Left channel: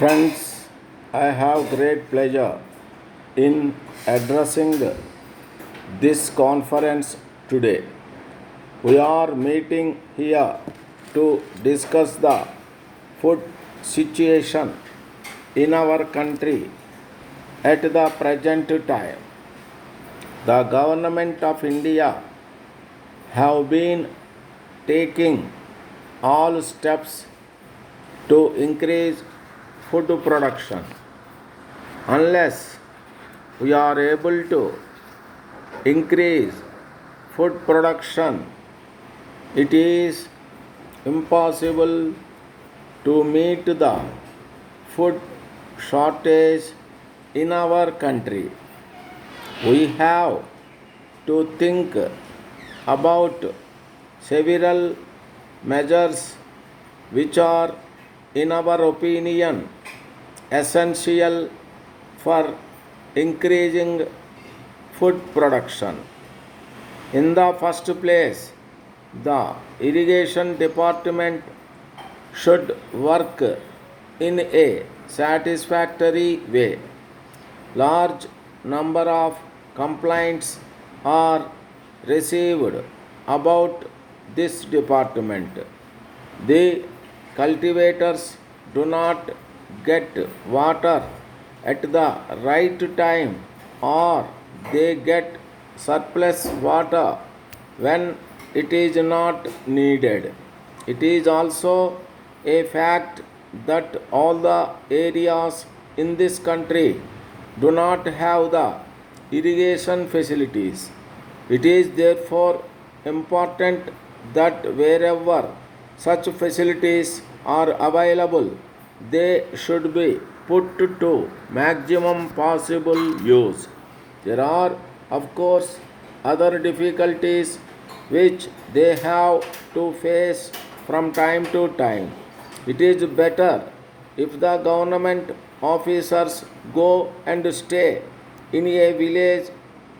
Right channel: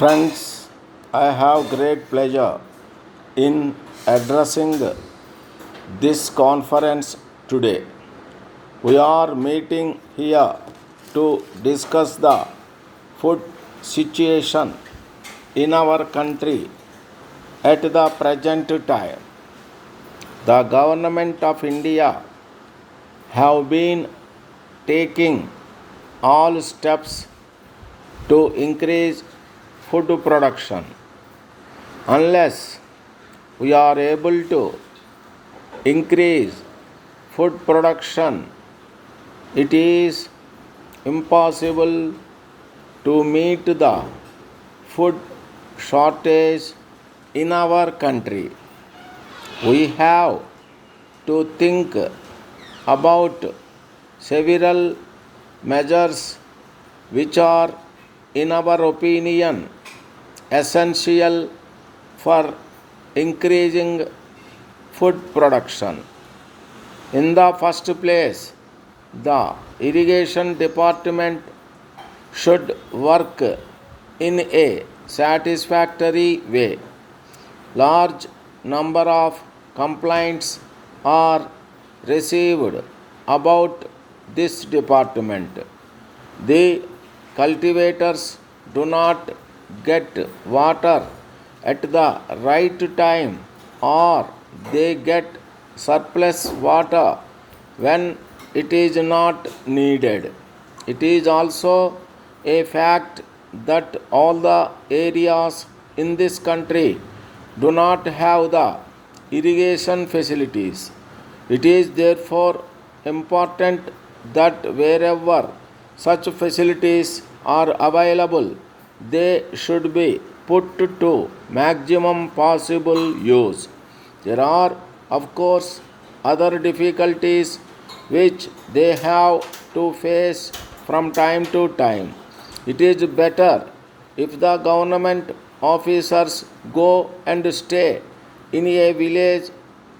Friends, I have great pleasure in addressing this conference today. We are meeting here to discuss the food situation in our country at the present time. The government of India have been taking all steps to increase food production. Unless we are able to increase food production, it is impossible to meet the food shortage in our country. We have to think about several measures which are, in our opinion, essential for increasing food production. In the first place, the irrigation department should work in a satisfactory way. Large number of complaints are received about this department. The cultivators do not get water at the right time, or they get surplus water when it is not needed. It is also a fact that all the areas in this country do not have the irrigation facilities. It is therefore important that wherever such facilities are available, they should be put to maximum possible use. There are, of course, other difficulties which they have to face from time to time. It is better if the government officers go and stay in a village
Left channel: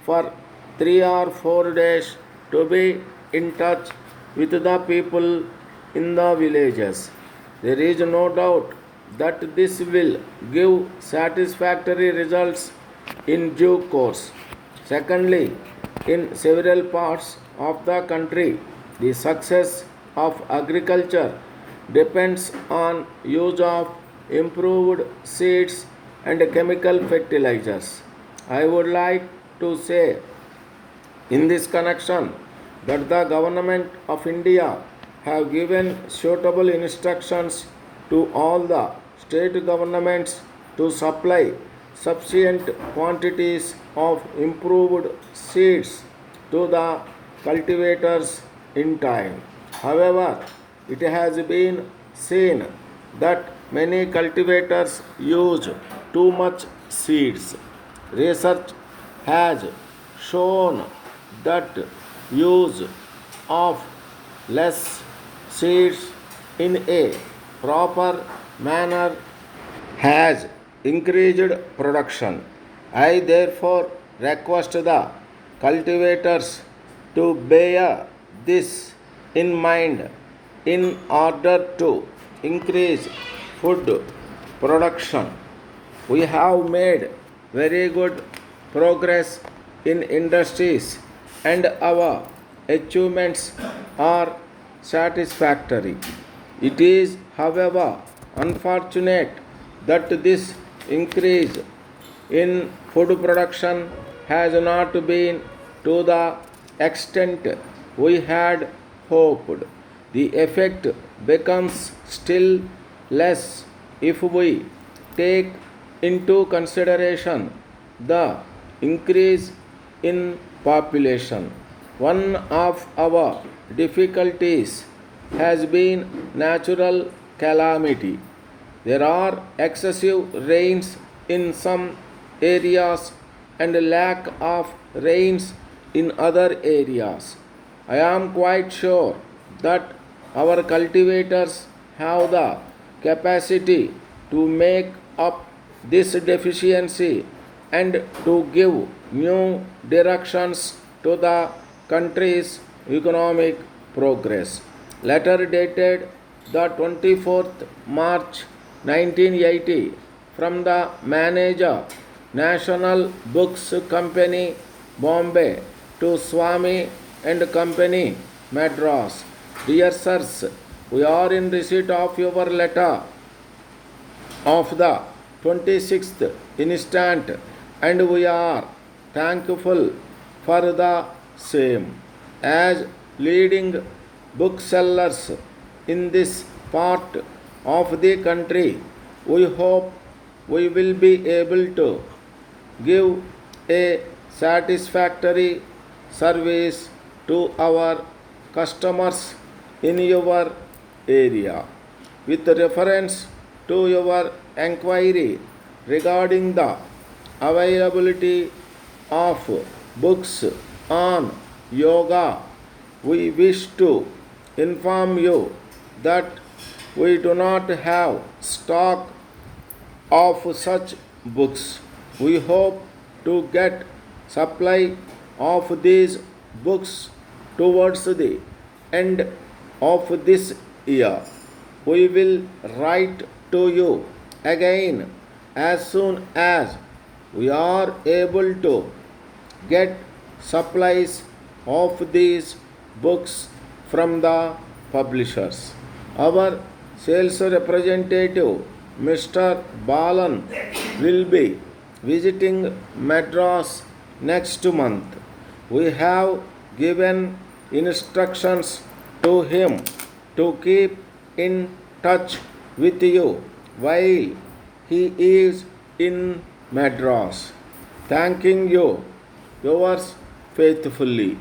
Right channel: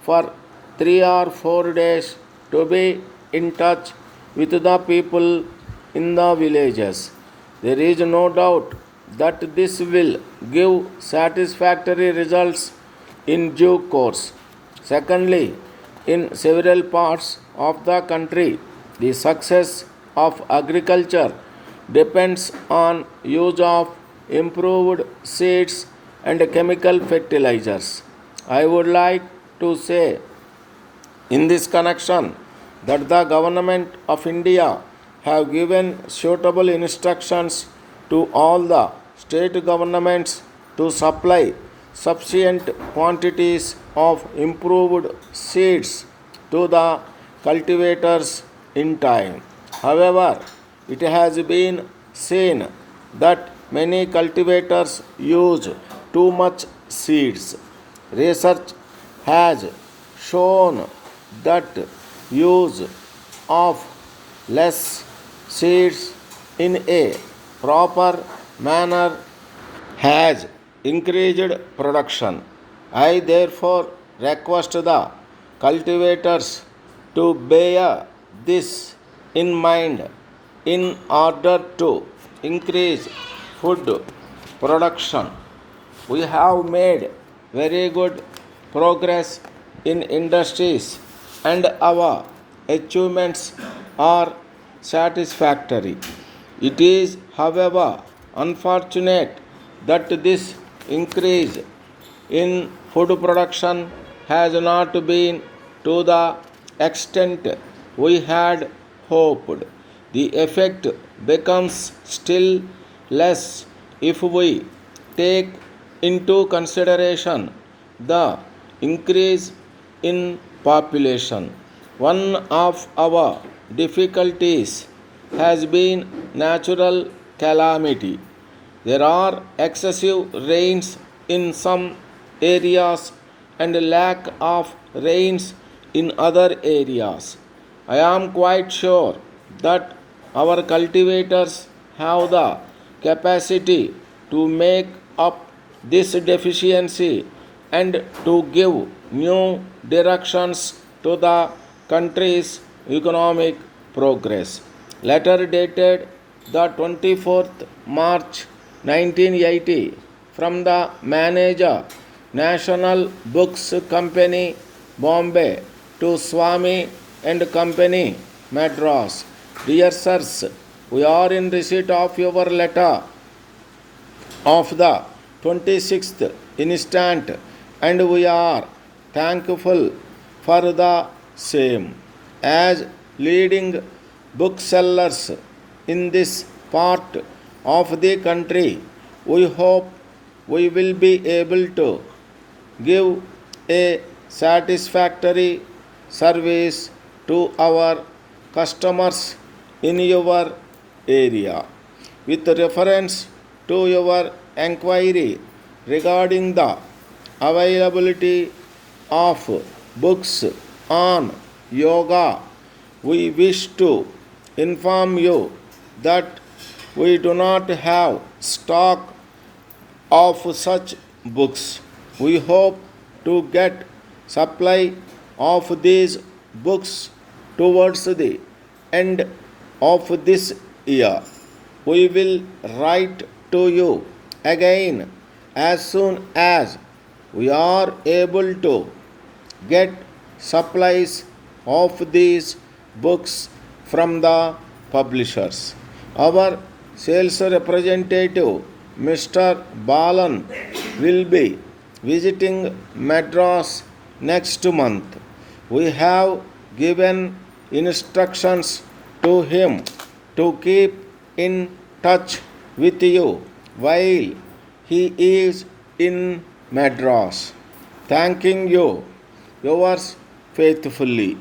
for 3 or 4 days to be in touch with the people in the villages. There is no doubt that this will give satisfactory results in due course. Secondly, in several parts of the country, the success of agriculture depends on use of improved seeds and chemical fertilizers. I would like to say in this connection that the government of India have given suitable instructions to all the state governments to supply sufficient quantities of improved seeds to the cultivators in time. However, it has been seen that many cultivators use too much seeds. Research has shown that use of less seeds in a proper manner has increased production. I therefore request the cultivators to bear this in mind in order to increase food production. We have made very good progress in industries and our achievements are satisfactory. It is, however, unfortunate that this increase in food production has not been to the extent we had hoped. The effect becomes still less if we take into consideration the increase in population. One of our difficulties has been natural calamity. There are excessive rains in some areas and lack of rains in other areas. I am quite sure that our cultivators have the capacity to make up this deficiency and to give new directions to the country's economic progress. Letter dated the 24th March 1980 from the manager, National Books Company, Bombay, to Swami and Company, Madras. Dear sirs, we are in receipt of your letter of the 26th instant, and we are thankful for the same. As leading booksellers in this part of the country, we hope we will be able to give a satisfactory service to our customers in your area. With reference to your enquiry regarding the availability of books on yoga, we wish to inform you that we do not have stock of such books. We hope to get supply of these books towards the end of this year. We will write to you again as soon as we are able to get supplies of these books from the publishers. Our sales representative, Mr. Balan, will be visiting Madras next month. We have given instructions to him to keep in touch with you while he is in Madras. Thanking you, yours faithfully.